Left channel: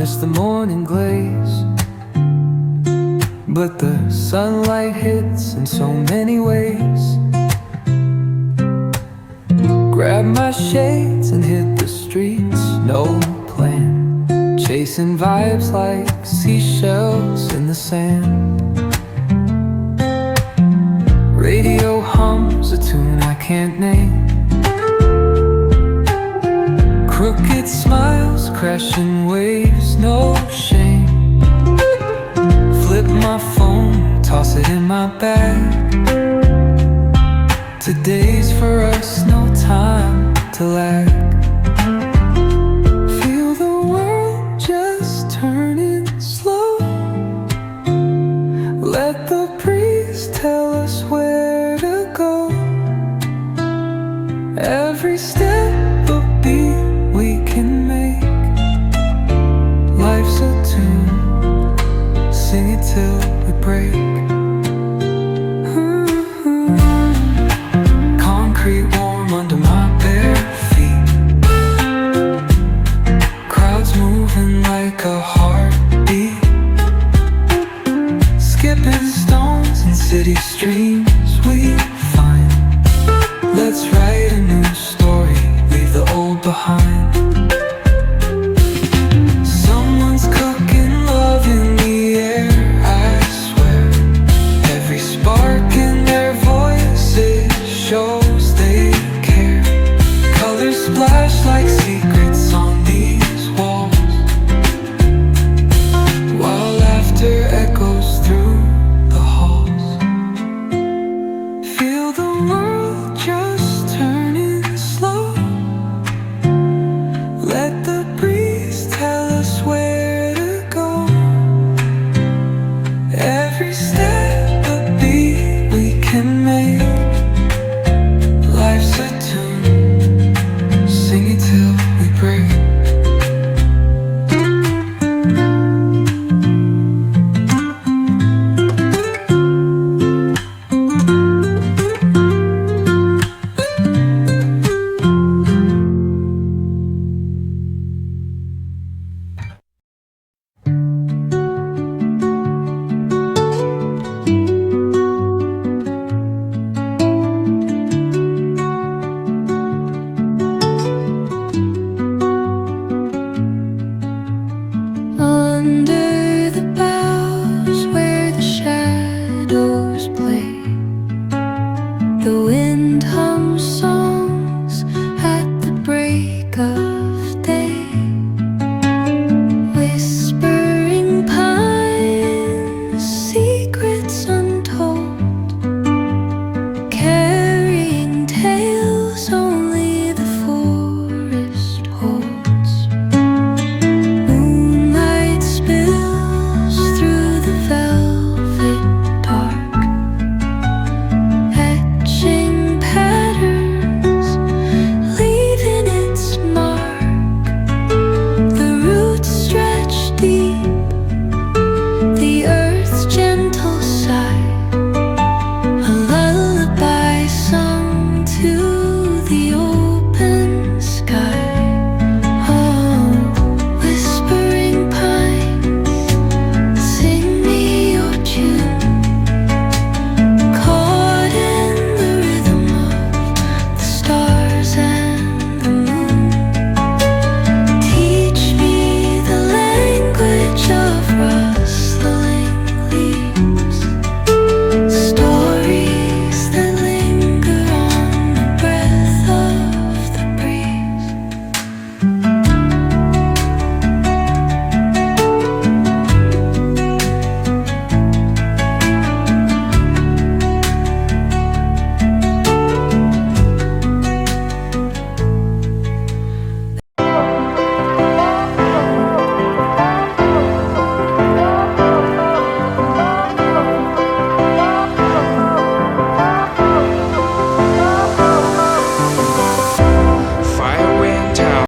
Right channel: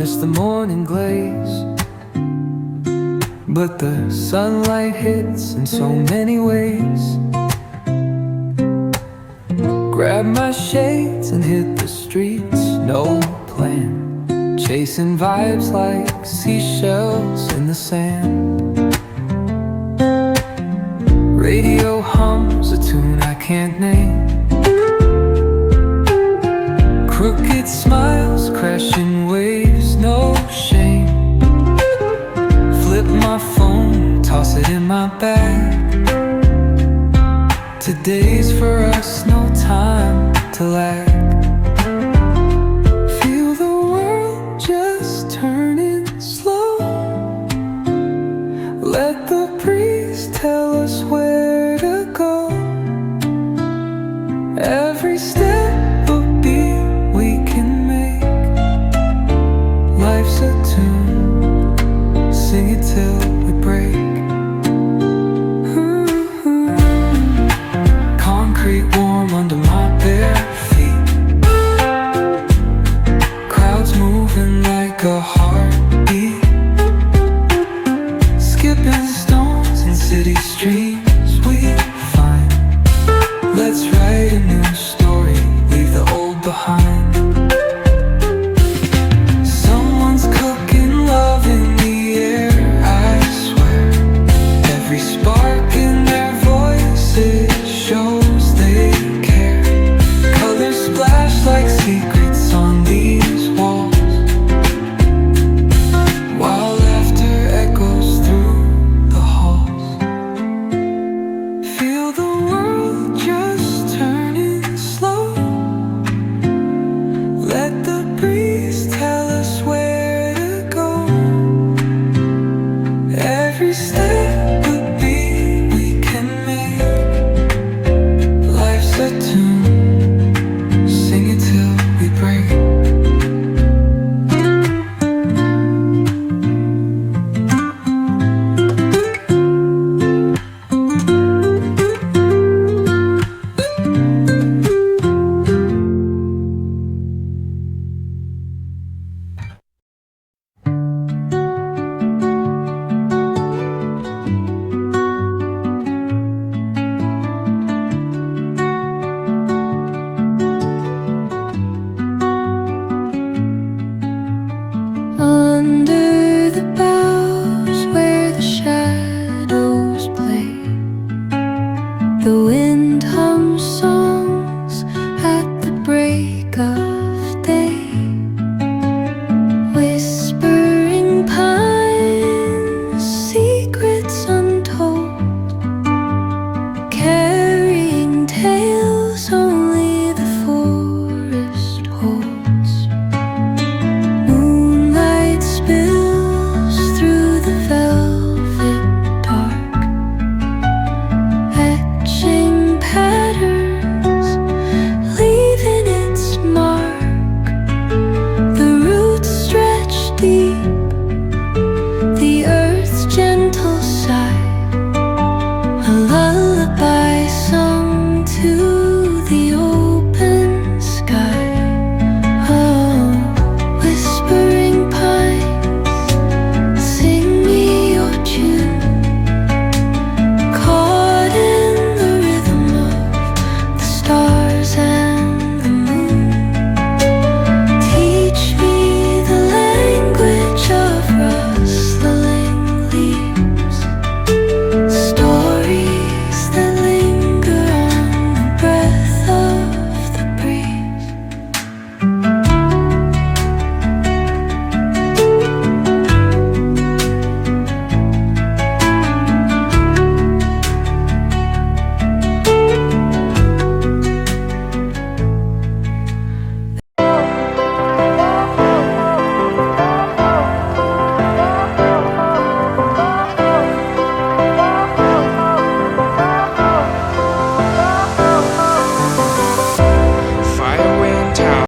miss the morning glaze, but the sunlight hits in so many ways. Grab my shades and hit the streets, no plan, chasing vibes like seashells in the sand. Radio hums a tune I can't name. Crooked smiles, crashing waves, no shame. Flip my phone, toss it in my bag. Today's for us, no time to lag. Feel the world just turning slow. Let the breeze tell us where to go. Every step a beat we can make. Life's a tune, sing it till we break. Concrete warm under my bare feet. Crowds moving like a heartbeat. Skipping stones in city streams we find. Let's write a new story, leave the old behind. Someone's cooking love in the air, I swear. Every spark in their voices shows they care. Colors splash like secrets on these walls, while laughter echoes through the halls. Feel the world just turning slow. Let